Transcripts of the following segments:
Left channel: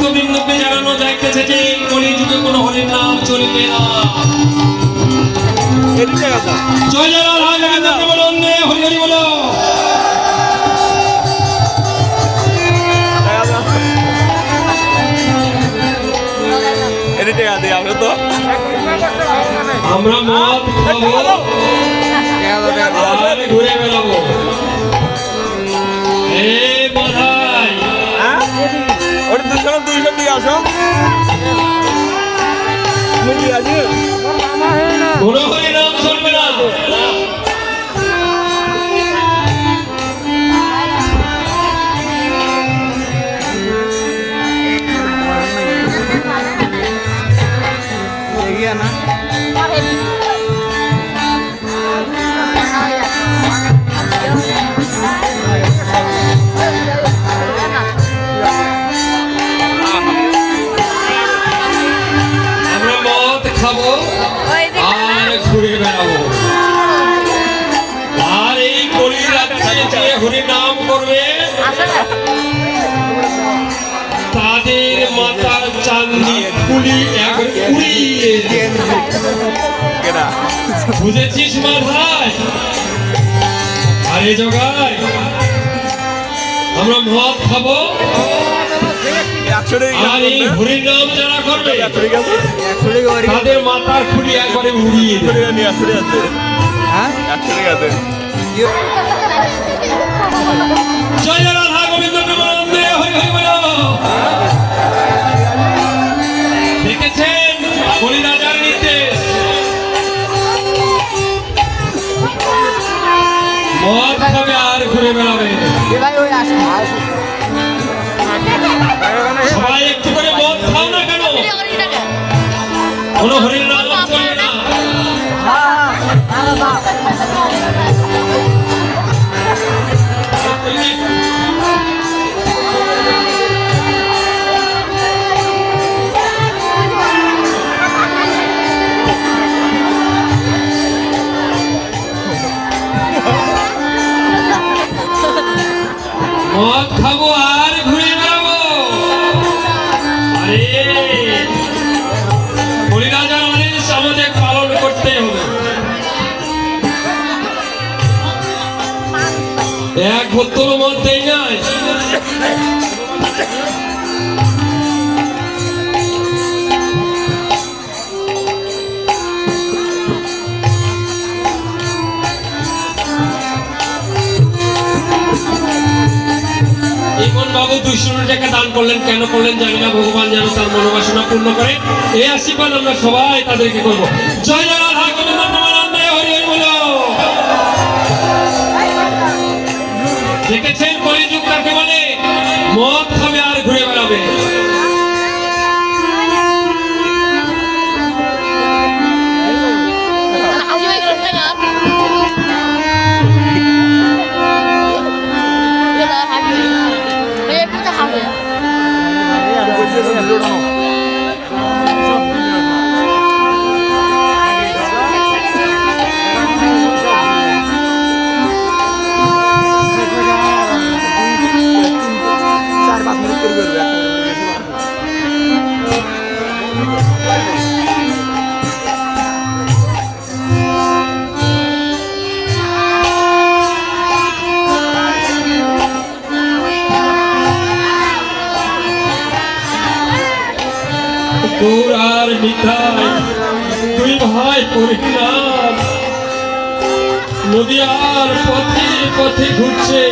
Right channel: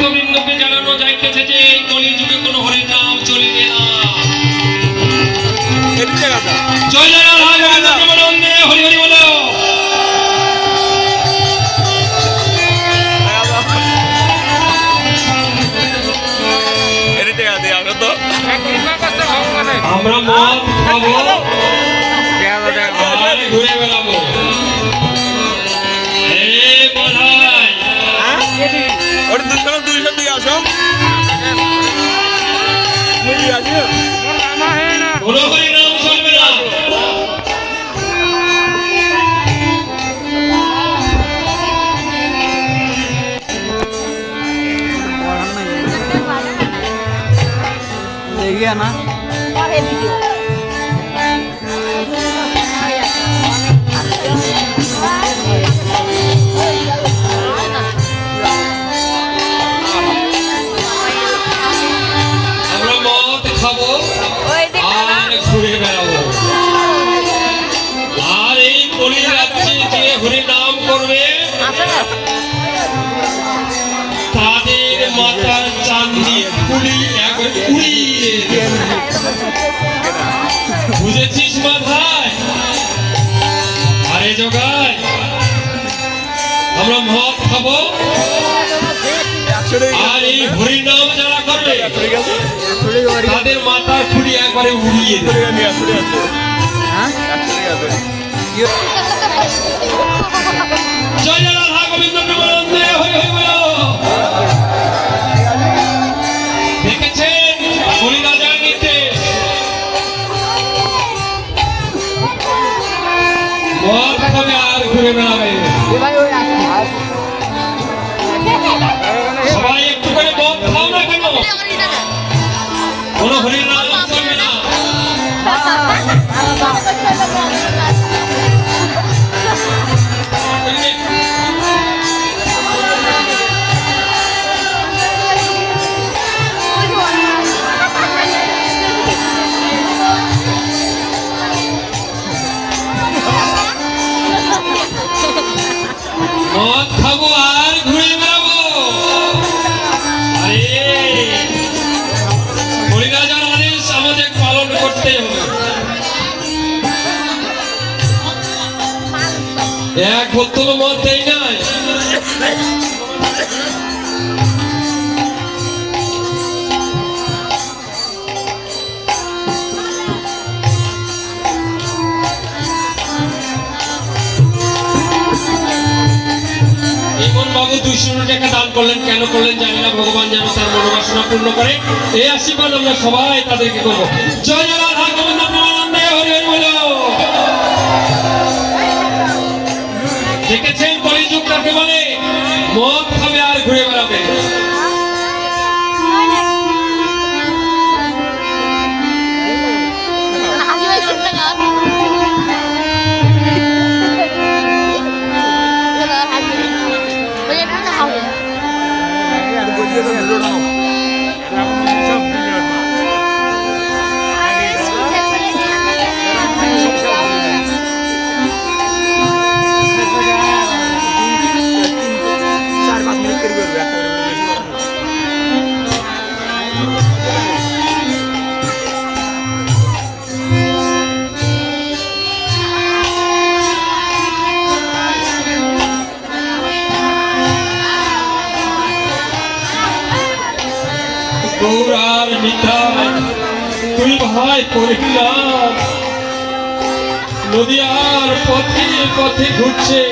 ভক্তবৃন্দকে জানানো যাইতেছে যে এই কলিযুগে কোনো হরির নাম চলিবে না। জয় জয় রাধা গোবিন্দ হরি হরি বলো। আমরা মদ খাবো ঘুরে বেড়াবো। কোনো হরি নাম চলবে না। না আমরা মদ খাবো আর ঘুরে বেড়াবো। আর এই কলি রাত্রে যে হরি নাম করবে তাদের মাথার চাঁদি কুড়ি কুড়িয়ে বুঝেছিস মা ভাই? আরে জগাই আমরা মদ খাবো আর এই হরি নাম যারা করবে তাদের মাথার খুঁড়ি একবারে উড়িয়ে দেবে। জয় জয় রাধা গোবিন্দ প্রেমানন্দে হরি হরি বলো। দেখেছেন হরি রাজার নির্দেশ, মদ খাবে আর ঘুরে বেড়াবে। সবাই একটু করে মদ খাও না কেন? কোনো হরি নাম চলবে না। মদ খাবো আর ঘুরে বেড়াবো। আরে হরিরাজার আদেশ আমাদের পালন করতে হবে। এক বোতল মদ দেই নাই। বাবু 200 টাকা দান করলেন, কেন করলেন জানি না, ভগবান যেন তার মনোবাসনা পূর্ণ করে। এই আশীর্বাদ আমরা সবাই তাদেরকে করবো। জয় জয় রাধা গোবিন্দ প্রেমানন্দে হরি হরি বলো। দেখেছেন কলিযুগ কাকে বলে? মদ খাবে আর ঘুরে বেড়াবে। আর মিঠাই দুই ভাই পরিলাম, নদীয়ার পথে পথে ঘুরছে।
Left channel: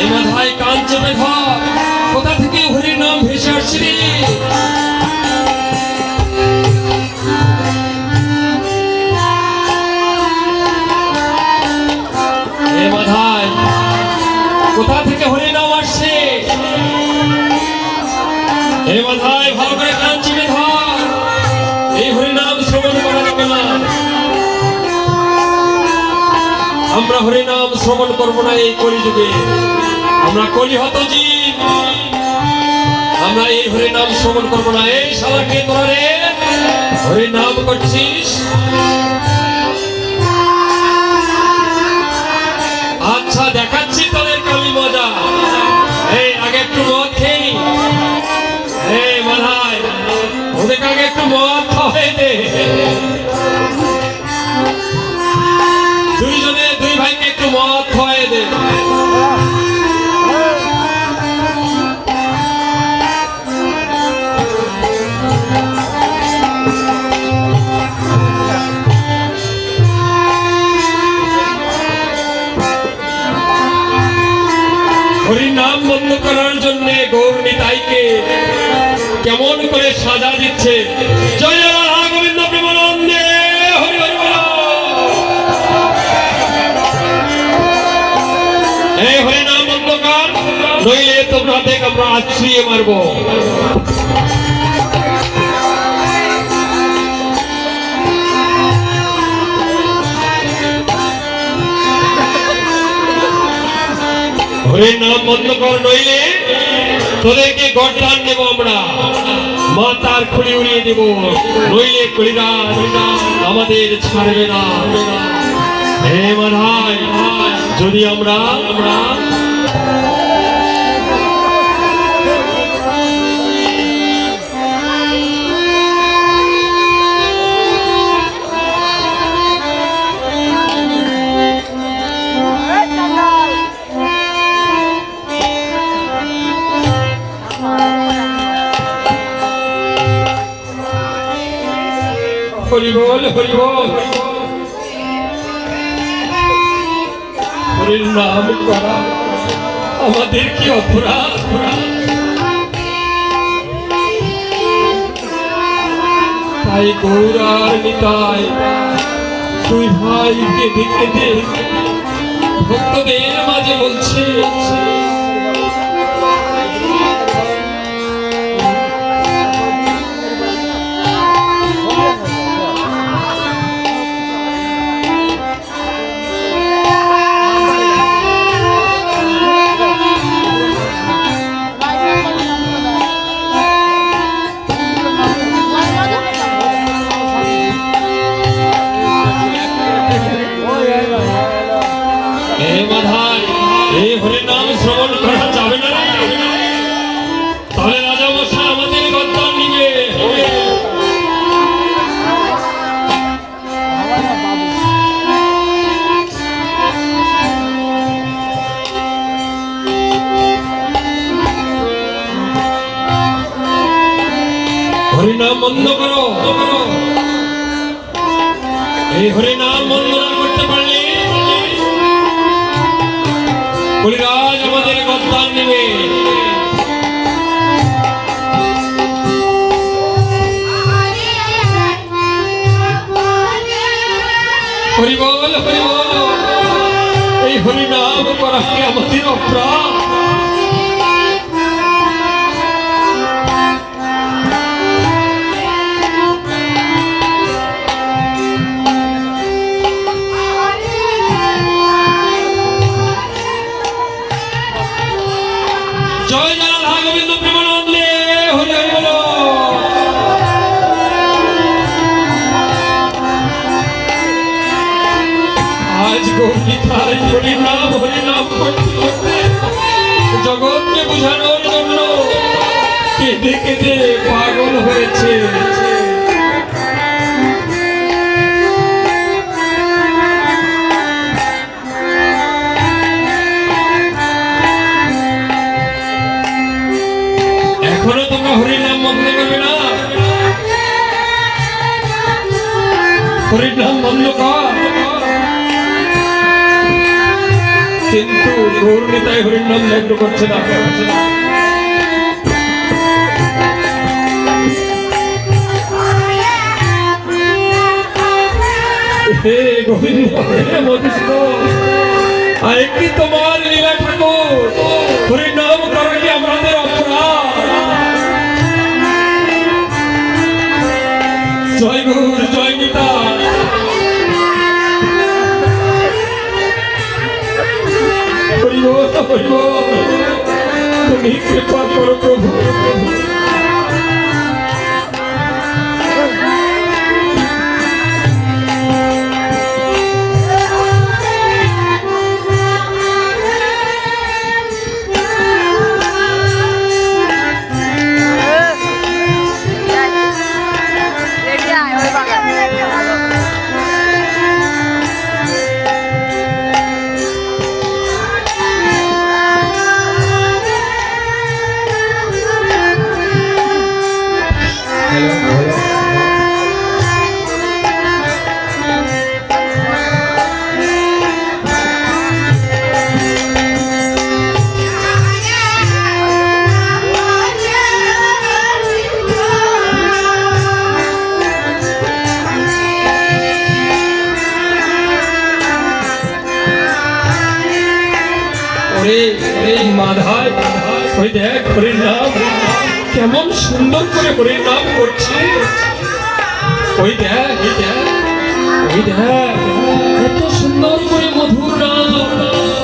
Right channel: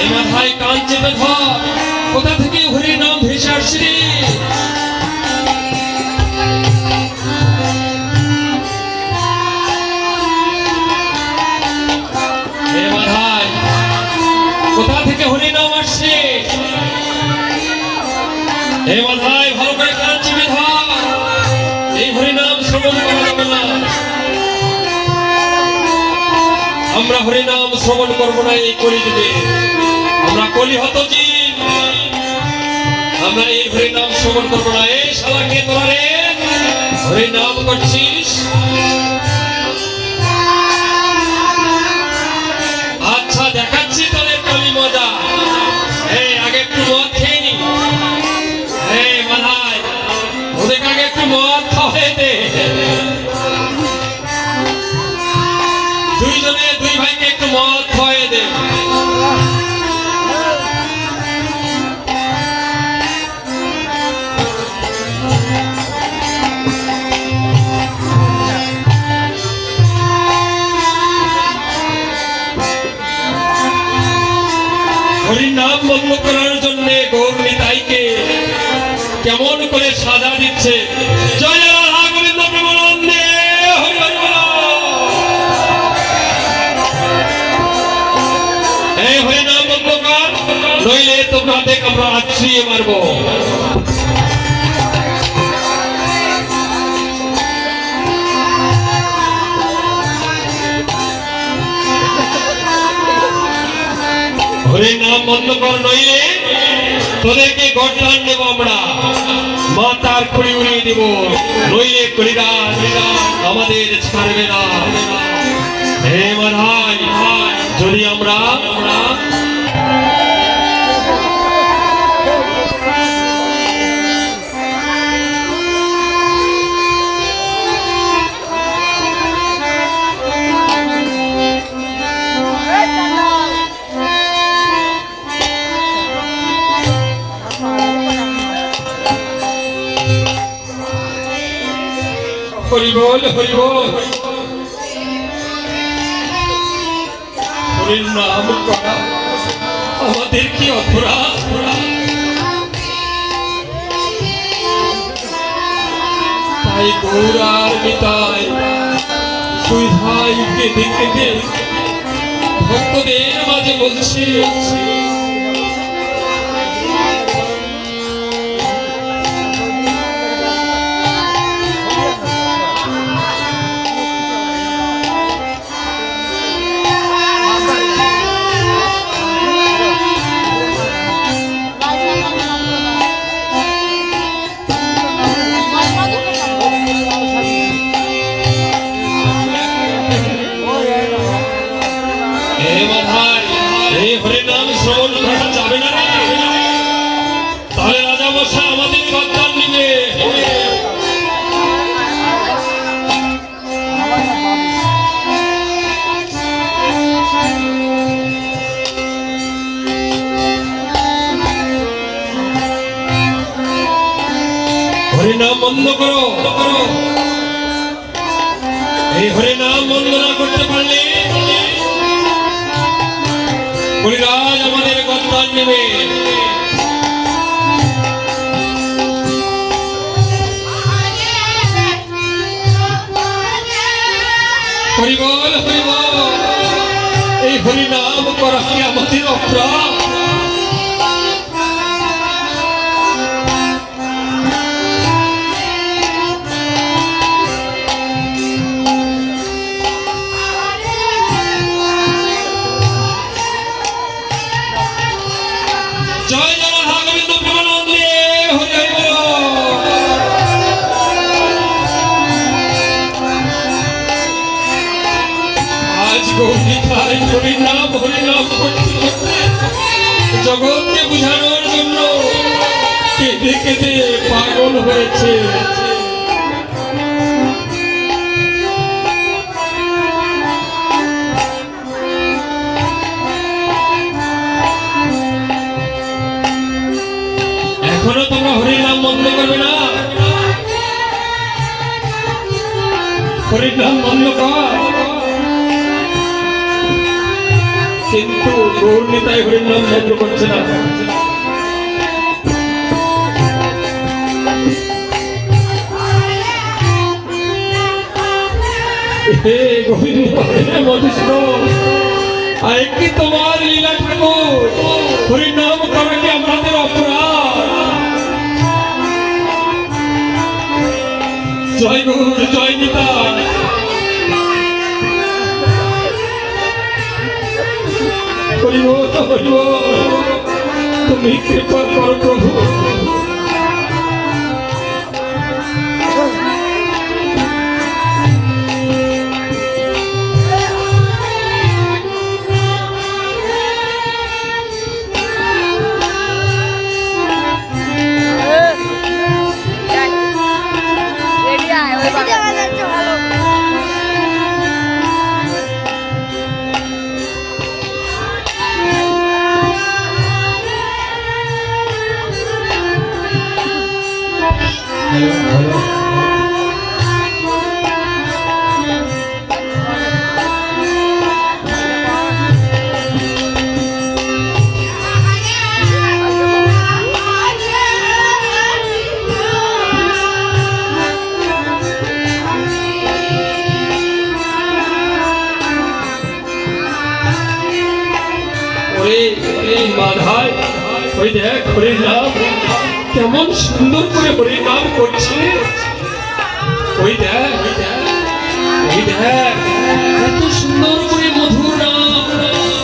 এই ভাই কান চেপে ধর, কোথা থেকে হরির নাম ভেসে আসছে রে? কোথা থেকে হরি নাম আসছে? হে মাথায় ভালো করে কান চিপে ধর, এই হরি নাম শ্রবণ করা যাবে না। আমরা হরি নাম শ্রবণ করবো না এই কলিযুগে। আমরা কলিহত জীব, আমরা এই হরি নাম শ্রবণ করবো না। এই শালাকে তোরা রে হরি নাম করছিস? আচ্ছা দেখাচ্ছি হরির নাম বন্ধ করার জন্য গৌর নিতাইকে কেমন করে সাজা দিচ্ছে। জয় জয় রাধা গোবিন্দ প্রেমানন্দে হরি হরি বল। এই হরি নাম বন্ধ কর, নইলে তোমরা দেখ আমরা আছড়িয়ে মারবো। হরির নাম বন্ধ কর, নইলে তোদেরকে গড়টান দেবো আমরা, মাথার খুঁড়ি উড়িয়ে দেব, নইলে কলিরাজ আমাদের ছাড়বে না। হে মাধাই, যদি আমরা হরি বল হরি বল, হরির নাম করা আমাদের কি অপরাধ? তাই গৌর আর নিতাই দুই ভাই কেঁদে কেঁদে ভক্তদের মাঝে বলছে, হরির নাম শ্রবণ করা যাবে না রে, তাহলে রাজা মশাই আমাদের গদ্দান নিবে। হরি নাম বন্ধ করো, এই হরি নাম বন্ধ না করতে পারলে কলিরাজ আমাদের গদ্দান নেবে। হরি বল হরি বল, এই হরি নাম করা কি আমাদের অপরাধ? জয় জয় রাধা গোবিন্দ প্রেমানন্দে হরি হরি বল। আজ গৌর নিতাই হরি নাম করতে করতে জগৎকে বুঝানোর জন্য কেঁদে কেঁদে পাগল হয়েছে। এখনো তোমরা হরির নাম বন্ধ করবে না? হরির নাম বন্ধ কর, কিন্তু গৌর নিতাই হরির নাম বন্ধ করছে না। হে গোবিন্দ মধুসূদন, আয় কি তোমার লীলা ঠাকুর, হরির নাম করা কি আমাদের অপরাধ? জয় গৌর জয় নিতাই, হরি বল হরি বল, তুমি কৃপা করো প্রভু। ওরে মাধাই, ওই দেখ হরির নাম কেমন সুন্দর করে হরির নাম করছে। ওই দেখ ওই দেখ এত সুন্দর করে মধুর নাম,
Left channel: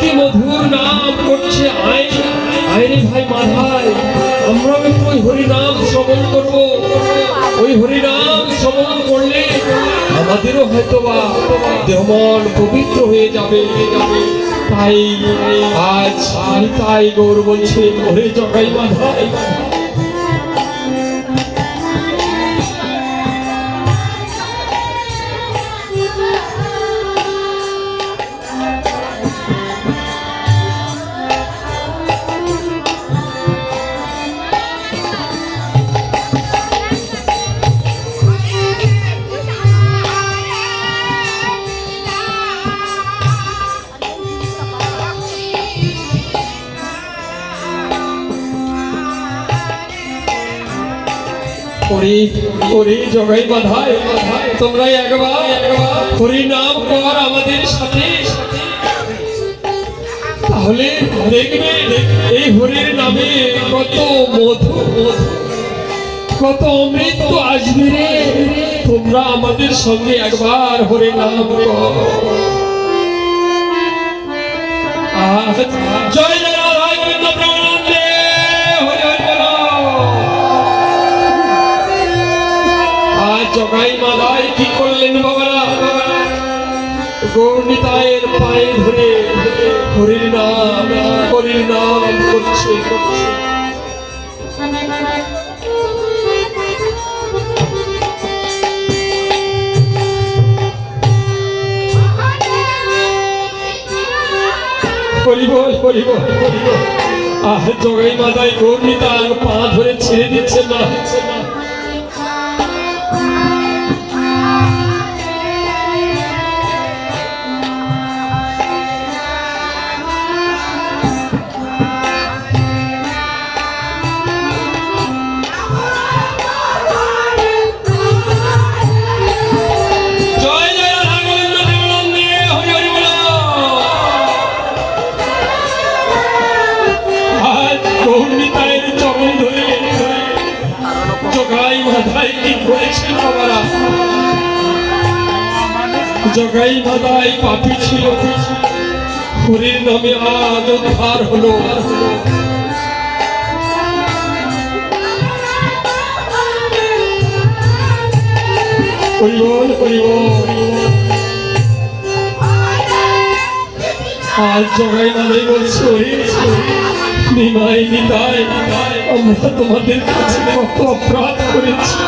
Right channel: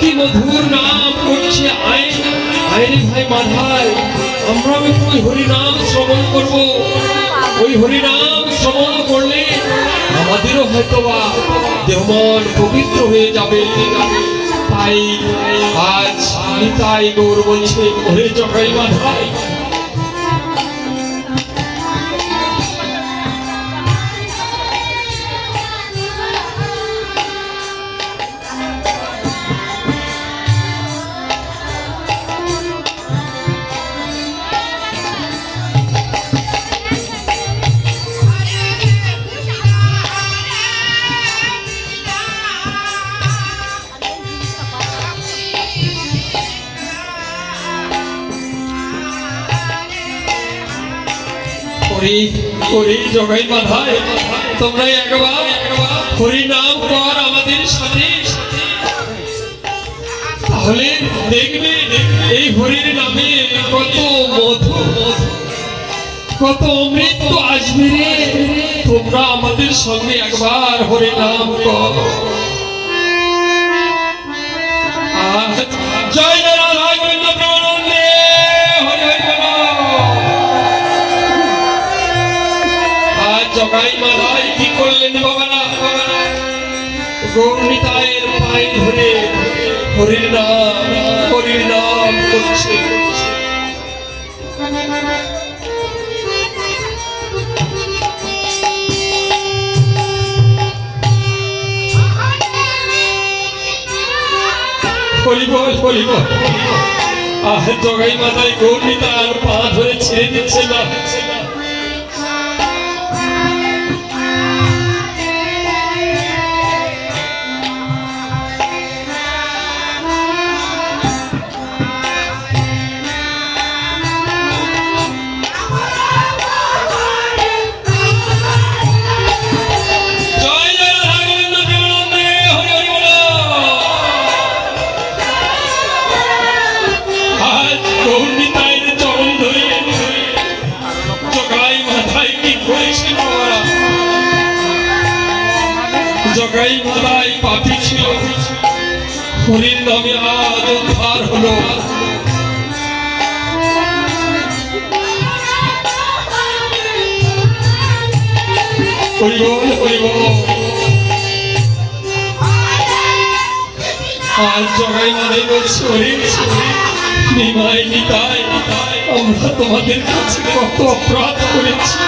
কি মধুর নাম করছে। আয় রে ভাই মাধাই, আমরাও একটু ওই হরিনাম শ্রবণ করব। ওই হরিনাম শ্রবণ করলে আমাদেরও হয়তো বা দেহমন পবিত্র হয়ে যাবে। তাই আজ তাই গৌর বলছে ওরে জগাই মাধাই, ওরে জগাই মাধাই, তোমরা একবার হরি নাম কর আমাদের সাথে, তাহলে দেখবে এই হরির নামে কত মধু কত অমৃত আসবে রে। তোমরা আমাদের সঙ্গে একবার হরি নাম কর। জয় জগাই মাধাই কি করলেন বাবারা, গৌরনিতায়ের পায়ে ধরে হরির নাম করছে। জগাই মাধাই গৌরনিতার পা ধরে ছেড়ে দিচ্ছে না। জগাই মাধাই পাপী ছিল, হরির নামে আজ উদ্ধার হলো। আর জগাই মাধাই বলছে নিমাই নিতাই, আমরা তোমাদের কাছে কত অপরাধ করেছি,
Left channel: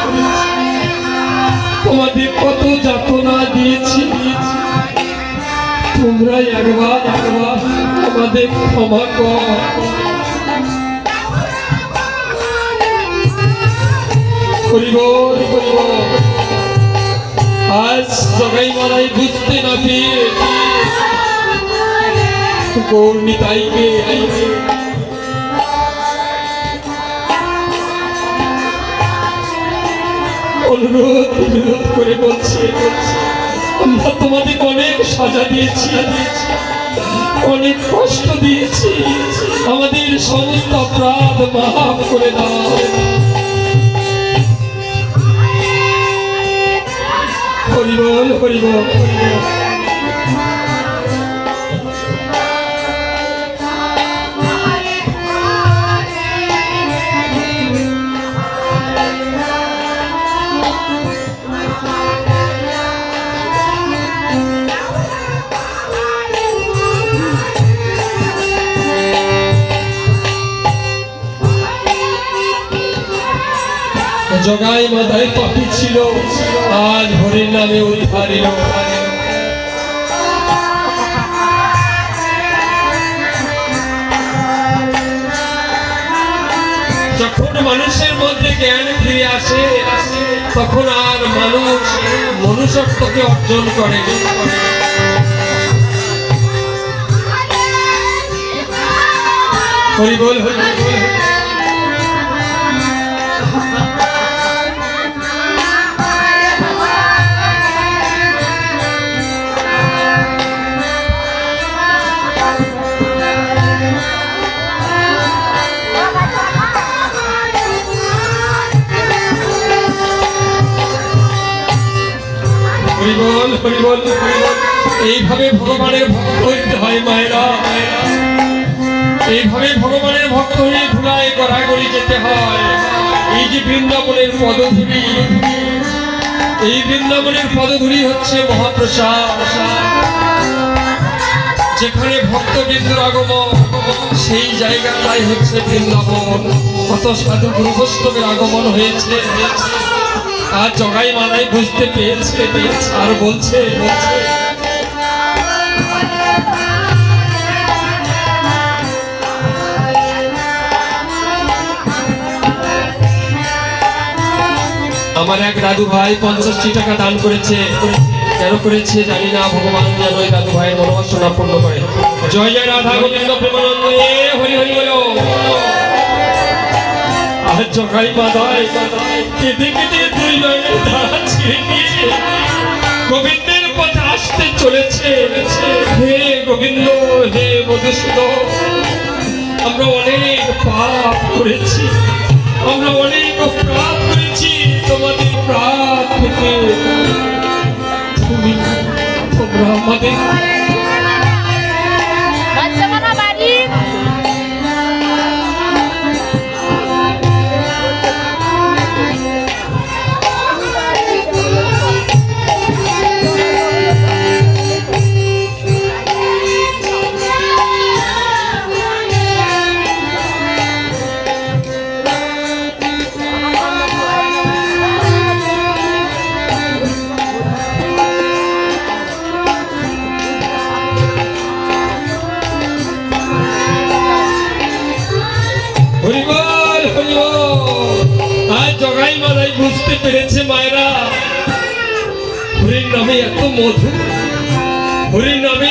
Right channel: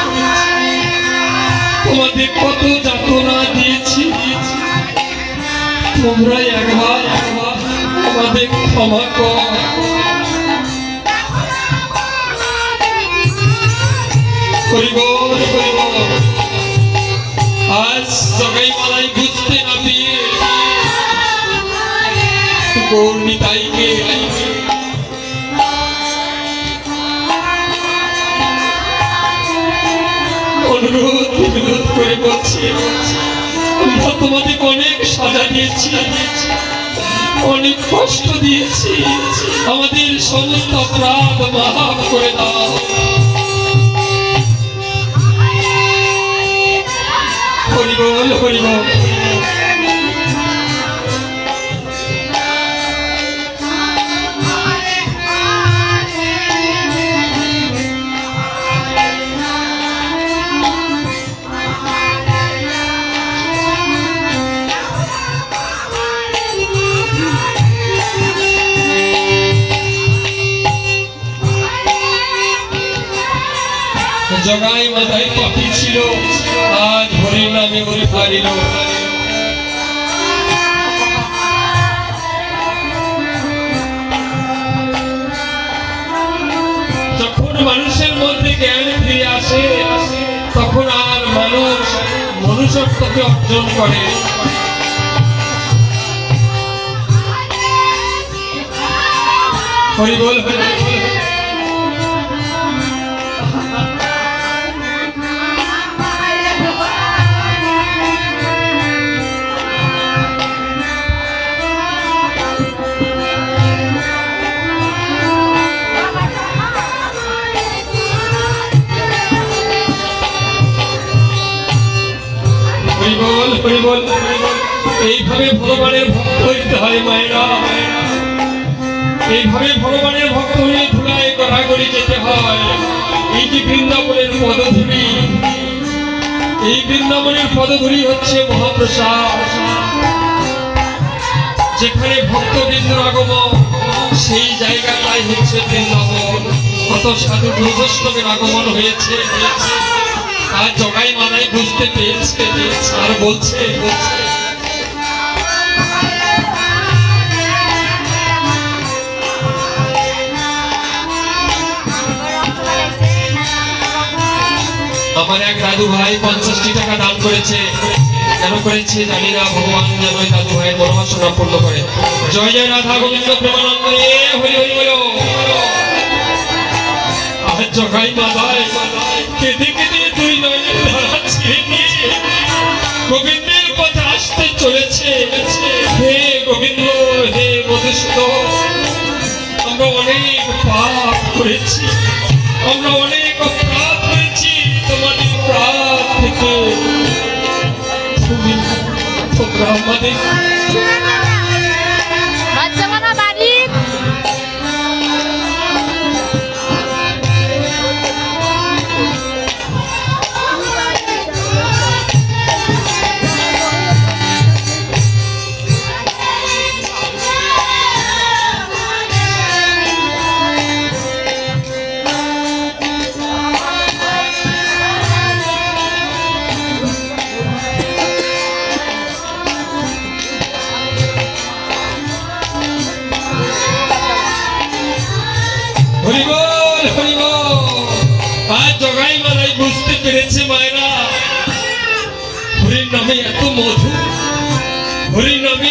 তোমাদের কত যাতনা দিয়েছি, তোমরা একবার আমাদের ক্ষমা করো। আজ জগাই মাধাই বুঝতে না পেয়ে গৌরনিতাইকে অনুরোধ করে বলছি, আমরা তোমাদের অনেক সাজা দিয়েছি, অনেক কষ্ট দিয়েছি, আমাদের সমস্ত অপরাধ মাফ করে দাও। হরি বল হরি বল। জগাই মাধাই পাপী ছিল, আজ হরির নামে উদ্ধারিত। যখন মানুষের মধ্যে জ্ঞান ফিরে আসে, তখন আর মানুষ মনুষ্যত্বকে অর্জন করে। হরি বল হরি বল। এইভাবে ভগবানের ভক্ত হইতে হয় মায়েরা, এইভাবে ভগবানের ভক্ত হয়ে ধুলায় গড়াগড়ি যেতে হয়। এই যে বৃন্দাবনের পদধূলি, এই বৃন্দাবনের পদধূলি হচ্ছে মহাপ্রসাদ। যেখানে ভক্তবৃন্দের আগমন, সেই জায়গাটাই হচ্ছে বৃন্দাবন। কত সাধু গুরুবৈষ্ণবের আগমন হয়েছে, আর জগাই মালাই বুঝতে পেরেছে আর বলছে আমার এক দাদু ভাই 65 টাকা দান করেছে। কেন করেছে জানি না, ভগবান যেন ওই দাদু ভাই মনোবাসনা পূর্ণ করে। জয় জয় রাধা গোবিন্দ প্রেমানন্দ হরি হরি বলো। আর জগাই মাদায় কেঁদে কেঁদে দুই নয়নের ধারা ছেড়ে দিয়ে গোবিন্দের পথে আসতে চলেছে। হে গোবিন্দ, হে মধুসূদন, আমরা অনেক পাপ করেছি, আমরা অনেক অপরাধ করেছি। তোমাদের পাপ থেকে তোমরা আমাদের হরিবল হরিবল। আর জগাই মালাই বুঝতে পেরেছে মায়েরা, হরির নামে এত মধু, হরির নামে